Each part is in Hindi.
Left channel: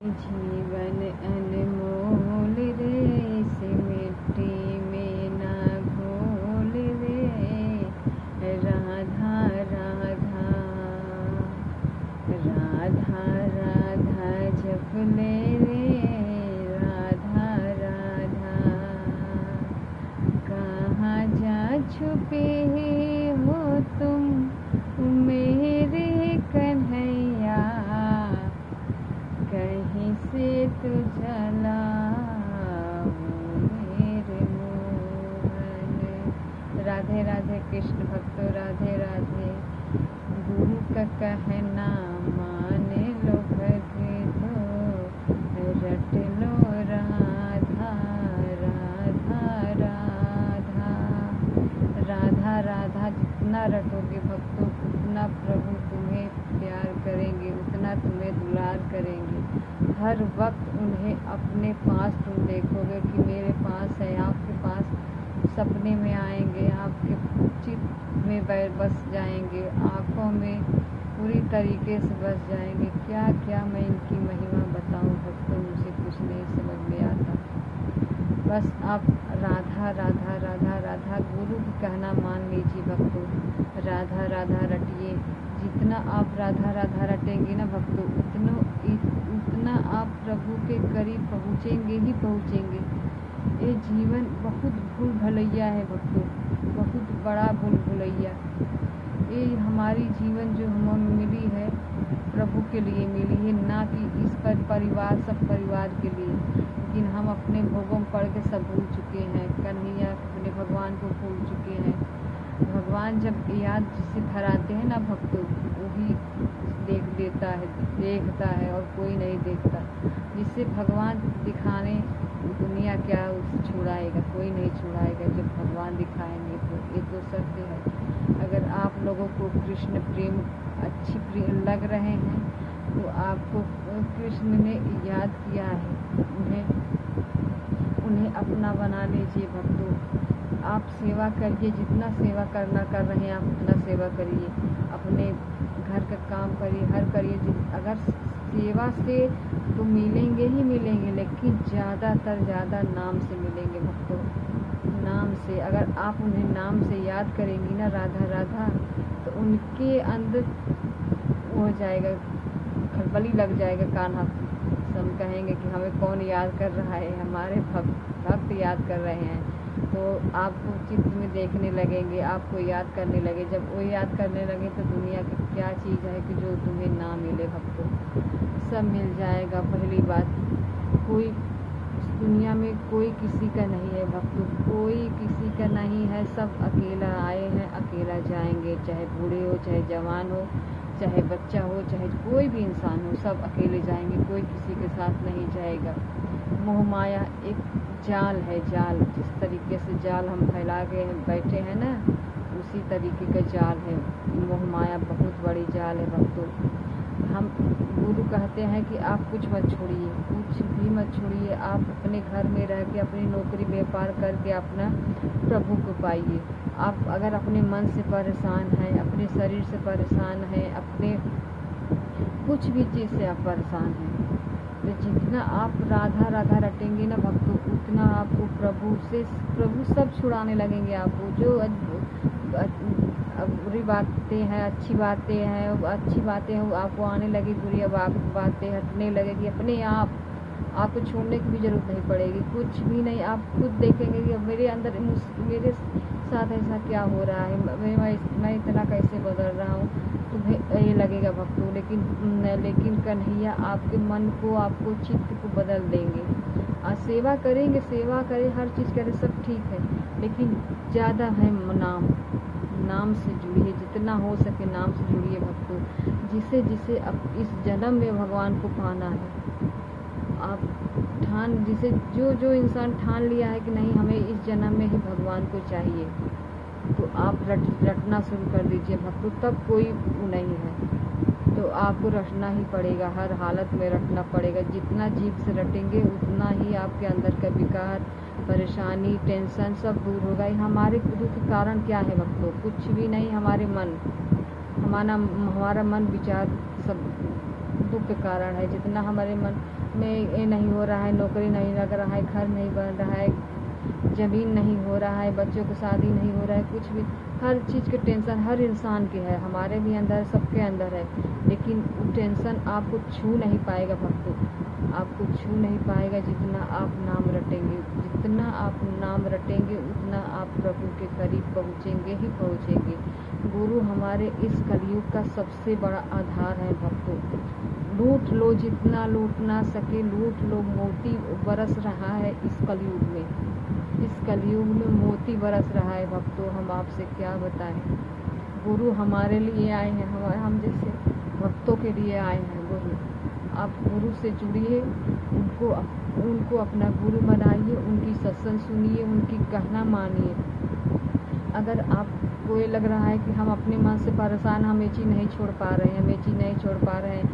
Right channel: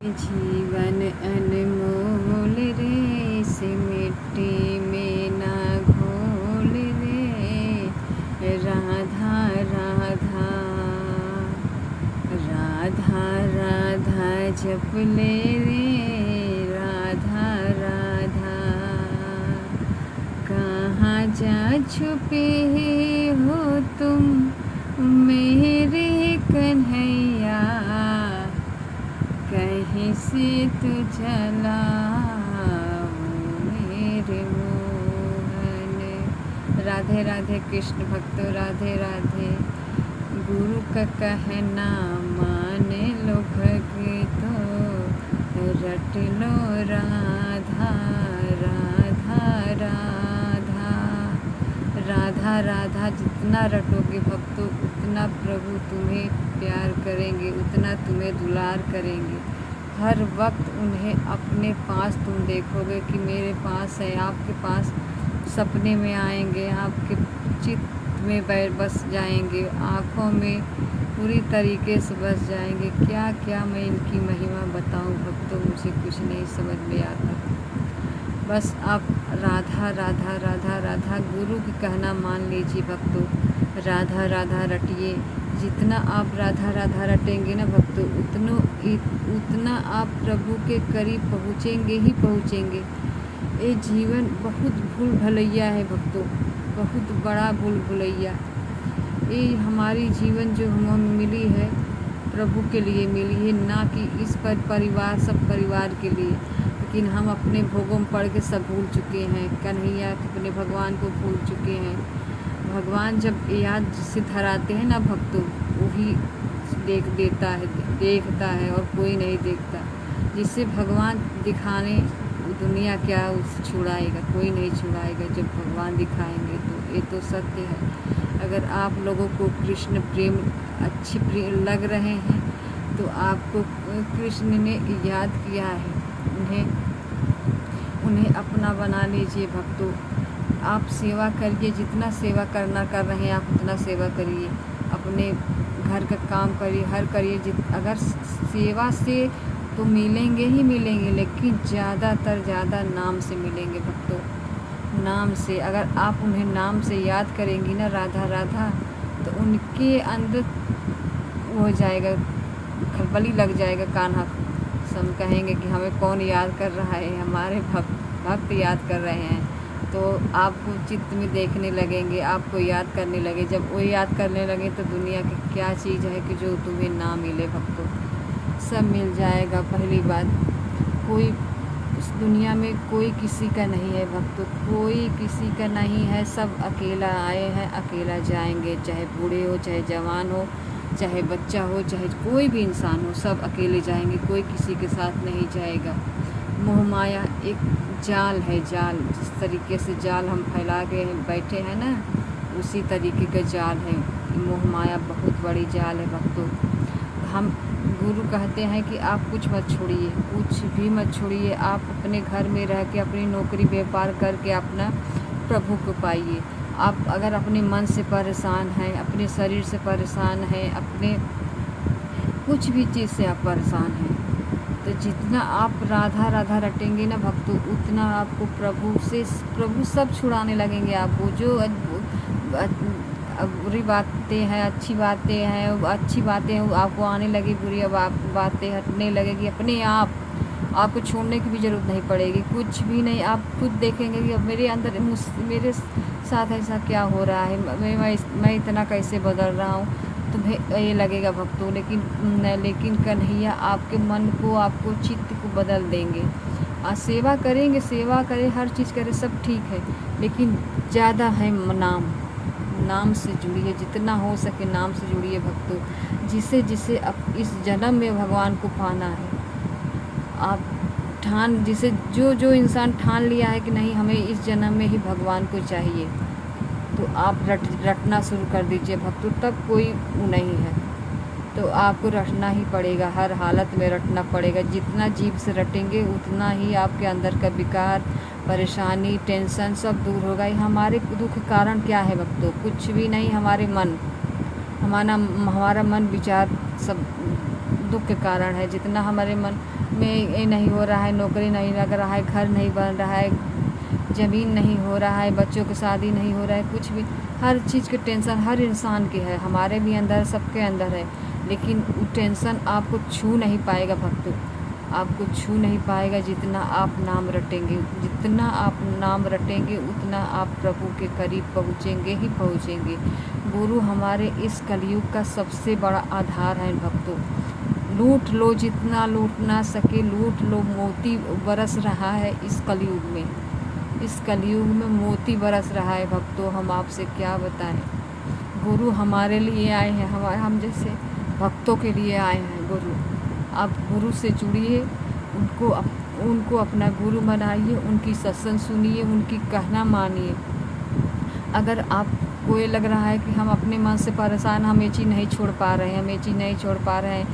जीवन अनमोल रे, इस मिट्टी में ना घोल रे। राधा राधा राधा राधा जप ले रे। राधा राधा कहाँ जा छुपे हो तुम मेरे कन्हैया, कहीं से तू चला मेरे मोहन। राधे राधे कृष्ण भक्तों, राधे राधे। गुरु का कहना मान लो भक्तो, रट लो राधा राधा राधा राधा राधा। जितना रटोगे भक्तों उतना प्रभु तुम्हें प्यार करेंगे, उतना तुम्हें दुलार करेंगे। हर वक्त उन्हें अपने पास तुम देखोगे कि मेरे पास है। आपके पास सपने में आएंगे, आपके चित्त में बस जाएंगे, आँखों में पूरी तरीके से बस जाएंगे। क्या क्या मैं इनकी महिमा बताऊं भक्तों, मुझे कुछ नहीं समझ में आता। बस आप राधा राधा राधा राधा गुरु की कहना मान लीजिए भक्तों। राधा राधा रटिए। जितना आप राधा राधा रटेंगे ना भक्तों, उतना आप प्रभु के करीब पहुँचेंगे ही पहुँचेंगे। ये जीवन बहुत भूल भुलैया है भक्तों, बहुत बड़ा भूल भुलैया। ये हमारी जीवन जो हमें मिली है प्रभु के लिए मिली है, ना कि इस पर परिवार सब परिवार के लिए। लेकिन हम अपने भोगों में पड़ के सब भूल चुके हैं, कन्हैया अपने भगवान को भूल चुके हैं। भगवान जब याद से धराते हैं ना भक्तों, वही देखता है और कोई नहीं देखता। जिससे भगवान दिखाने दुनिया क्या उससे छुड़ाएगा, कोई नहीं छुड़ाएगा जब भगवान दिखाएंगे तो। ये तो सत्य है। अगर आप लोगों को कृष्ण प्रेम प्रिय लग रहे हैं तो आपको कृष्ण ने याद किया है, उन्हें अपना बना लीजिए भक्तों। आप सेवा करिए, जितना सेवा करना कर रहे हैं आप उतना सेवा करिए। अपने घर का काम करिए, हर करिए। अगर सेवा से तो मिलेंगे ही मिलेंगे, लेकिन ज़्यादा नाम से मिलेंगे भक्तों। नाम से अगर आप उन्हें नाम से याद करेंगी ना राधा राधा, तो उनके अंदर हो जाएगा, खलबली लग जाएगा कान्हा। सब कहेंगे कि हमें कौन याद कर रहा है, हमारे भक्त याद कर रहे हैं। तो आपको चित्त में देखने लगेंगे, आपको याद करने लगे। जब वो याद करने लगे तो दुनिया की क्या चीज़ है कि जो तुम्हें ना मिले भक्तों, सब मिल जाएगा। पहली बात, कोई इस दुनिया में कोई किसी का नहीं है भक्तों, कोई किसी का नहीं है। सब अकेला आए हैं, अकेला जाएंगे। चाहे बूढ़े हो, चाहे जवान हो, चाहे बच्चा हो, चाहे कोई भी इंसान हो, सब अकेले जाएंगे, कोई किसी के साथ नहीं जाएगा। मोह माया एक जाल है, जाल। जिस तरीके से जाल हम फैला के बैठे हैं ना, उसी तरीके का जाल है मोह माया। बहुत बड़ी जाल है भक्तों। हम गुरु कहते हैं कि आप कुछ मत छोड़िए, कुछ भी मत छोड़िए। आप अपने घर में रह के अपनी नौकरी व्यापार करके अपना प्रभु को पाइए। आप अगर अपने मन से परेशान हैं, अपने शरीर से परेशान हैं, अपने कुछ भी चीज़ से आप परेशान हैं, तो जितना आप राधा राधा रटेंगे ना भक्तों, उतना आपको प्रभु सब छुड़ाने लगेंगे आपको। जो बुरी बातें हैं, अच्छी बातें हैं, अच्छी बातें आपको आने लगी, बुरी बातें हटने लगेगी अपने आप। आपको छोड़ने की भी ज़रूरत नहीं पड़ेगी, कुछ भी नहीं। आप खुद देखेंगे कि अब मेरे अंदर मेरे साथ ऐसा क्या हो रहा है, मैं इतना कैसे बदल रहा हूँ, तुम्हें ये लगेगा भक्तों। लेकिन कन्हैया आपके मन को, आपको चित्त को बदल देंगे। सेवा करेंगे, सेवा करें, हर चीज़ करें, सब ठीक है, लेकिन ज़्यादा है नाम से जुड़िए। जितना हो सके नाम से जुड़िए भक्तों। जिसे अब इस जन्म में भगवान को पाना है, आप जो इंसान ठान लिया है कि नहीं हमें इस जन्म में ही भगवान को चाहिए, तो आप रटना शुरू कर दीजिए भक्तों। तब कोई नहीं है तो आपको रटना ही पड़ेगा, हर हालत में रटना पड़ेगा। जितना जीभ से रटेंगे उतना ही आपके अंदर का विकार, परेशानी, टेंशन सब दूर होगा। हमारे दुख का कारण क्या है भक्तों? कुछ भी नहीं, हमारा मन विचार सब दुख के कारण है। जितना हमारे में ये नहीं हो रहा है, नौकरी नहीं लग रहा है, घर नहीं बन रहा है, ज़मीन नहीं हो रहा है, बच्चों की शादी नहीं हो रहा है, कुछ भी हर चीज़ की टेंशन हर इंसान की है, हमारे भी अंदर, सबके अंदर है। लेकिन वो टेंशन आपको छू नहीं पाएगा भक्तों, आपको छू नहीं पाएगा। जितना आप नाम रटेंगे, जितना आप नाम रटेंगे, उतना आप प्रभु के करीब पहुँचेंगे ही पहुँचेंगे। गुरु हमारे इस कलयुग का सबसे बड़ा आधार है भक्तों। लूट लो, जितना लूट ना सके लूट लो, मोती बरस रहा है इस कलयुग में, इस कलयुग में मोती बरस रहा है भक्तों। हम आपसे क्या बताएं। गुरु हमारे लिए आए हैं, हम जैसे भक्तों के लिए आए हैं गुरु। आप गुरु से जुड़िए, उनको अपना गुरु बनाइए, उनकी सत्संग सुनिए, उनकी कहना मानिए। अगर आपको ये लग रहा है कि हम अपने मन से परेशान, हम ये चीज़ नहीं छोड़ पा रहे हैं, हम ये चीज़ नहीं छोड़ पा रहे हैं,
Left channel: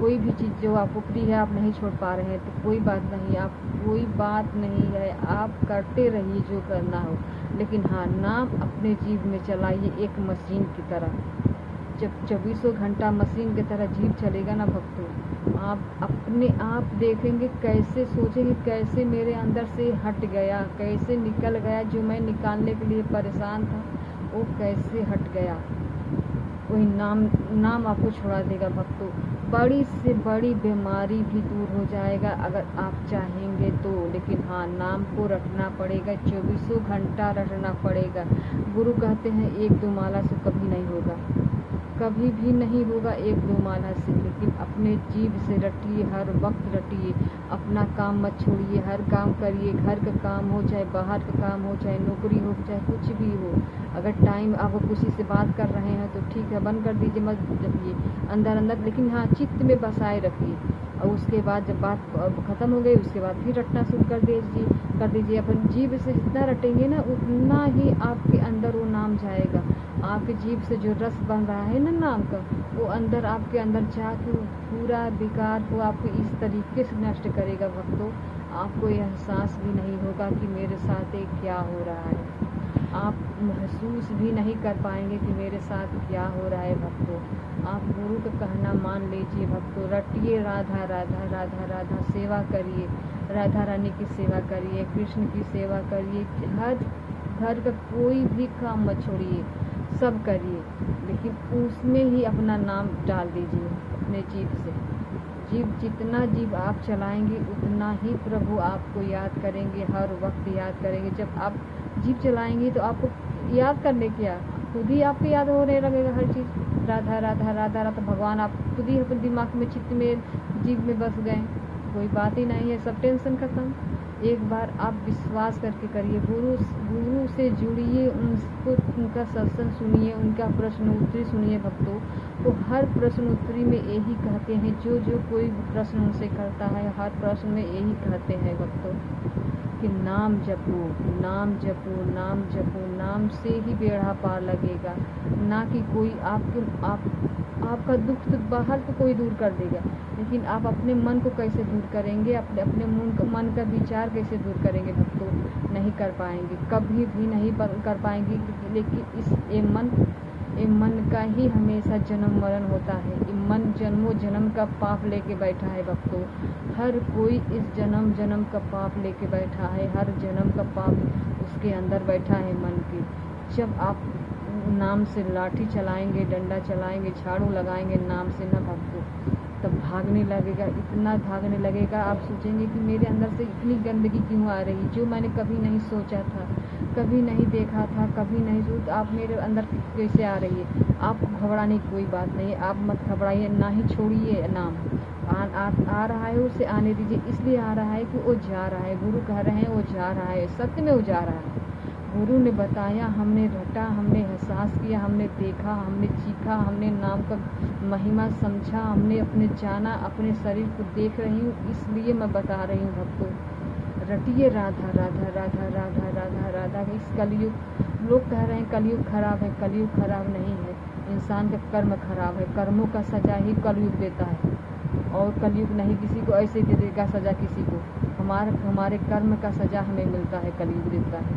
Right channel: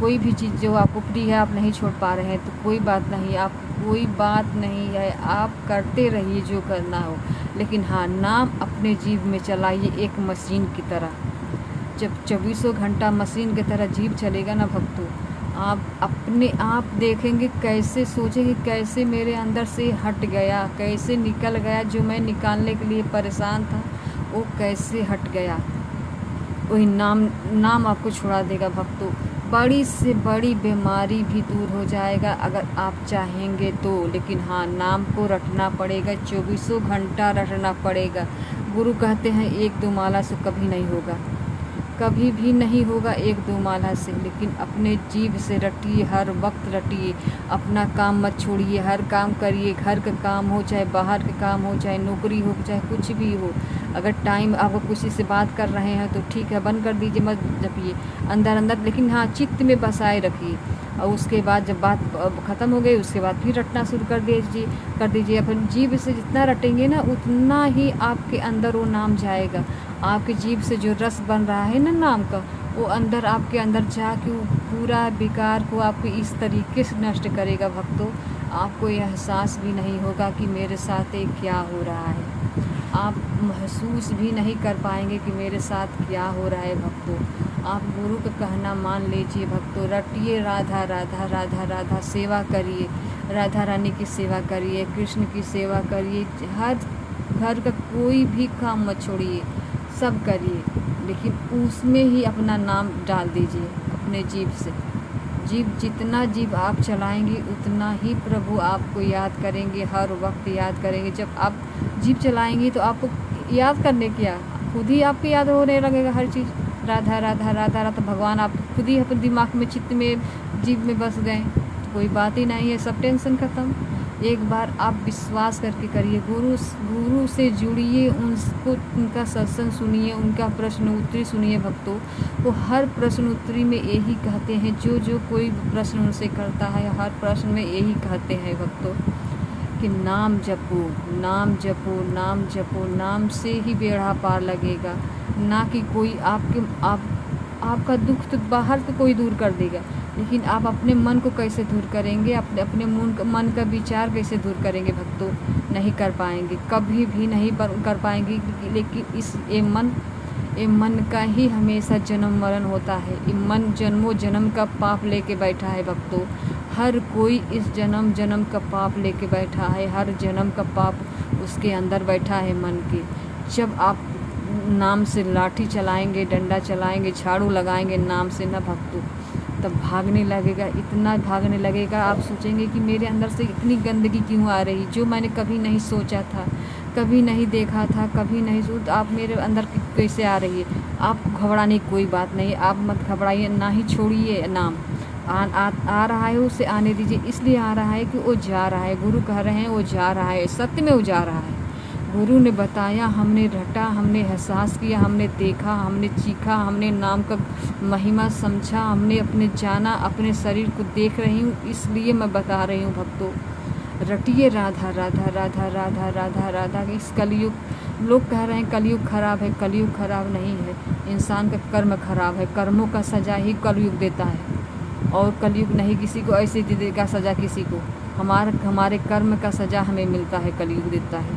कोई भी चीज़ जो आपको प्रिय है आप नहीं छोड़ पा रहे हैं, तो कोई बात नहीं, आप कोई बात नहीं है, आप करते रहिए जो करना हो। लेकिन हाँ, नाम अपने जीभ में चलाइए एक मशीन की तरह। जब 24 घंटा मशीन की तरह जीभ चलेगा ना भक्तों, आप अपने आप देखेंगे, कैसे सोचेंगे, कैसे मेरे अंदर से हट गया, कैसे निकल गया, जो मैं निकालने के लिए परेशान था वो कैसे हट गया। वही नाम आपको छुड़ा देगा भक्तों। बड़ी से बड़ी बीमारी भी दूर हो जाएगा अगर आप चाहेंगे तो। लेकिन हाँ, नाम को रटना पड़ेगा, 24 घंटा रटना पड़ेगा। गुरु कहते हैं 1-2 माला से कभी नहीं होगा, कभी भी नहीं होगा 1-2 माला से। लेकिन अपने जीभ से रटिए, हर वक्त रटिए, अपना काम मत छोड़िए, हर काम करिए, घर का काम हो चाहे बाहर का काम हो, चाहे नौकरी हो चाहे कुछ भी हो। अगर टाइम आप किसी से बात कर रहे हैं तो ठीक है, बंद कर दीजिए, मत जपिए अंदर अंदर, लेकिन हाँ चित्त में बसाए रखिए। और उसके बाद जब बात ख़त्म हो गई उसके बाद फिर रटना शुरू कर दीजिए। अपन जीभ से जितना रटेंगे ना उतना ही आपके अंदर वो नाम जाएगा। आपके जीभ से जो रस बन रहा है ना नाम का, वो अंदर आपके अंदर जाके वो पूरा विकार को आपके इस तरीके से नष्ट करेगा भक्तों, आपको यह एहसास भी नहीं होगा कि मेरे साथ ये क्या हो रहा है। आप महसूस भी नहीं कर पाएंगे कि मेरे साथ क्या हो रहा है भक्तों। आप गुरु का कहना मान लीजिए भक्तों, रटिए राधा राधा राधा राधा, सेवा करिए, राधा रानी की सेवा करिए, कृष्ण की सेवा करिए, हर घर का कोई भी काम मत छोड़िए, सब करिए, लेकिन उसमें ही अपना नाम डाल दीजिए अपने जीभ से। जितना जीभ आप चलाएंगे उतना ही प्रभु आपको याद करेंगे, हर वक्त याद करेंगे। जब आप जीभ चलाएंगी तो आपको याद करने क्या, खुद ही आपको याद होने लगेगा हर चीज़। राधा राधा राधा राधा, भगवान आप खुद ही अपने दिमाग में, चित्त में, जीभ में बस गए, कोई बात ही नहीं है, सब टेंशन ख़त्म। एक बार आप विश्वास करके करिए, गुरु से जुड़िए, उनका सत्संग सुनिए, उनका प्रश्न उत्तरी सुनिए भक्तों। वो हर प्रश्न उत्तरी में यही कहते हैं, जो कोई प्रश्न उनसे करता है हर प्रश्न में यही कहते हैं भक्तों कि नाम जपो, नाम जपो, नाम जपो, नाम से ही बेड़ा पार लगेगा। ना कि कोई आपका दुख तो बाहर से कोई दूर कर देगा, लेकिन आप अपने मन को कैसे दूर करेंगे, अपने मन का विचार कैसे दूर करेंगे भक्तों, नहीं कर पाएंगे, कभी भी नहीं कर पाएंगे। लेकिन ये मन का ही हमेशा जन्म मरण होता है। ये मन जन्मों जन्म का पाप लेके बैठा है भक्तों। हर कोई इस जन्म का पाप लेके बैठा है, हर जन्म का पाप उसके अंदर बैठा है मन के। जब आप नाम से लाठी चलाएंगे, डंडा चलाएंगे, झाड़ू लगाएंगे नाम से ना भक्तों, तब भागने लगेगा, इतना भागने लगेगा, आप सोचेंगे कि मेरे अंदर से इतनी गंदगी क्यों आ रही, जो मैंने कभी नहीं सोचा था, कभी नहीं देखा था, कभी नहीं सोचा, आप मेरे अंदर कैसे आ रही है। आप घबराने की कोई बात नहीं, आप मत घबराइए, ना ही छोड़िए नाम। आ रहा है उसे आने दीजिए, इसलिए आ रहा है कि वो जा रहा है, गुरु कह रहे हैं वो जा रहा है, सत्य में वो जा रहा है। गुरु ने बताया, हमने रटा, हमने एहसास किया, हमने देखा, हमने चीखा, हमने नाम का महिमा समझा, हमने अपने जाना, अपने शरीर को देख रही हूँ, इसलिए मैं बता रही हूँ भक्तों, रटिए राधा राधा राधा राधा राधा राधा। इस कलयुग, लोग कह रहे हैं कलयुग खराब है, कलयुग खराब नहीं है, इंसान का कर्म खराब है, कर्मों का सजा ही कलयुग देता है, और कलयुग नहीं किसी को ऐसे देगा सज़ा किसी को, हमारे कर्म का सज़ा हमें मिलता है, कलयुग देता है,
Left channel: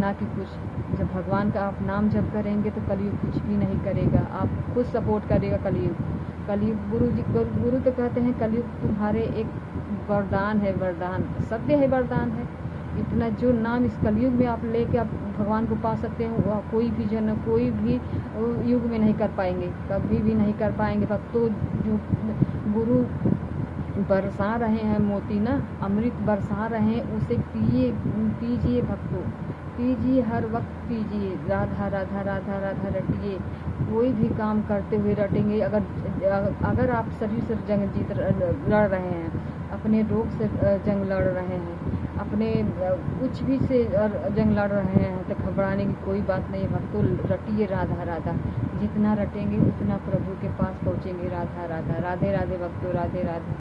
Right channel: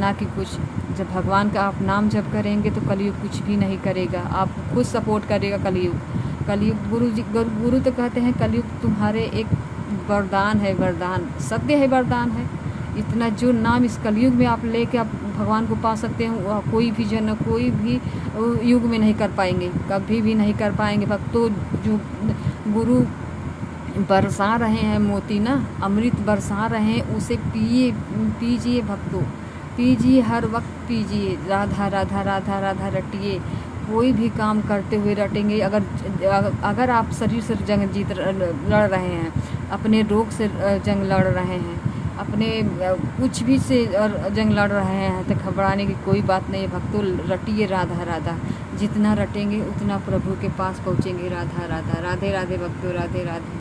ना कि कुछ। जब भगवान का आप नाम जप करेंगे तो कलयुग कुछ भी नहीं करेगा, आप खुद सपोर्ट करेगा कलयुग। कलयुग गुरु तो कहते हैं कलयुग तुम्हारे एक वरदान है, वरदान सत्य है, वरदान है। इतना जो नाम इस कलयुग में आप लेके आप भगवान को पा सकते हैं, वह कोई भी जन कोई भी युग में नहीं कर पाएंगे, कभी भी नहीं कर पाएंगे। भक्तों, जो गुरु बरसा रहे हैं मोती ना, अमृत बरसा रहे हैं, उसे पीजिए भक्तों, पीजिए, हर वक्त पीजिए। राधा राधा राधा राधा रटिए। कोई भी काम करते हुए रटेंगे। अगर आप शरीर से जंग लड़ रहे हैं, अपने रोग से जंग लड़ रहे हैं, अपने कुछ भी से जंग लड़ रहे हैं, तो घबराने की कोई बात नहीं है भक्तों। रटिए राधा राधा, जितना रटेंगे उतना प्रभु के पास पहुँचेंगे। राधा राधा, राधे राधे भक्तों, राधे राधे।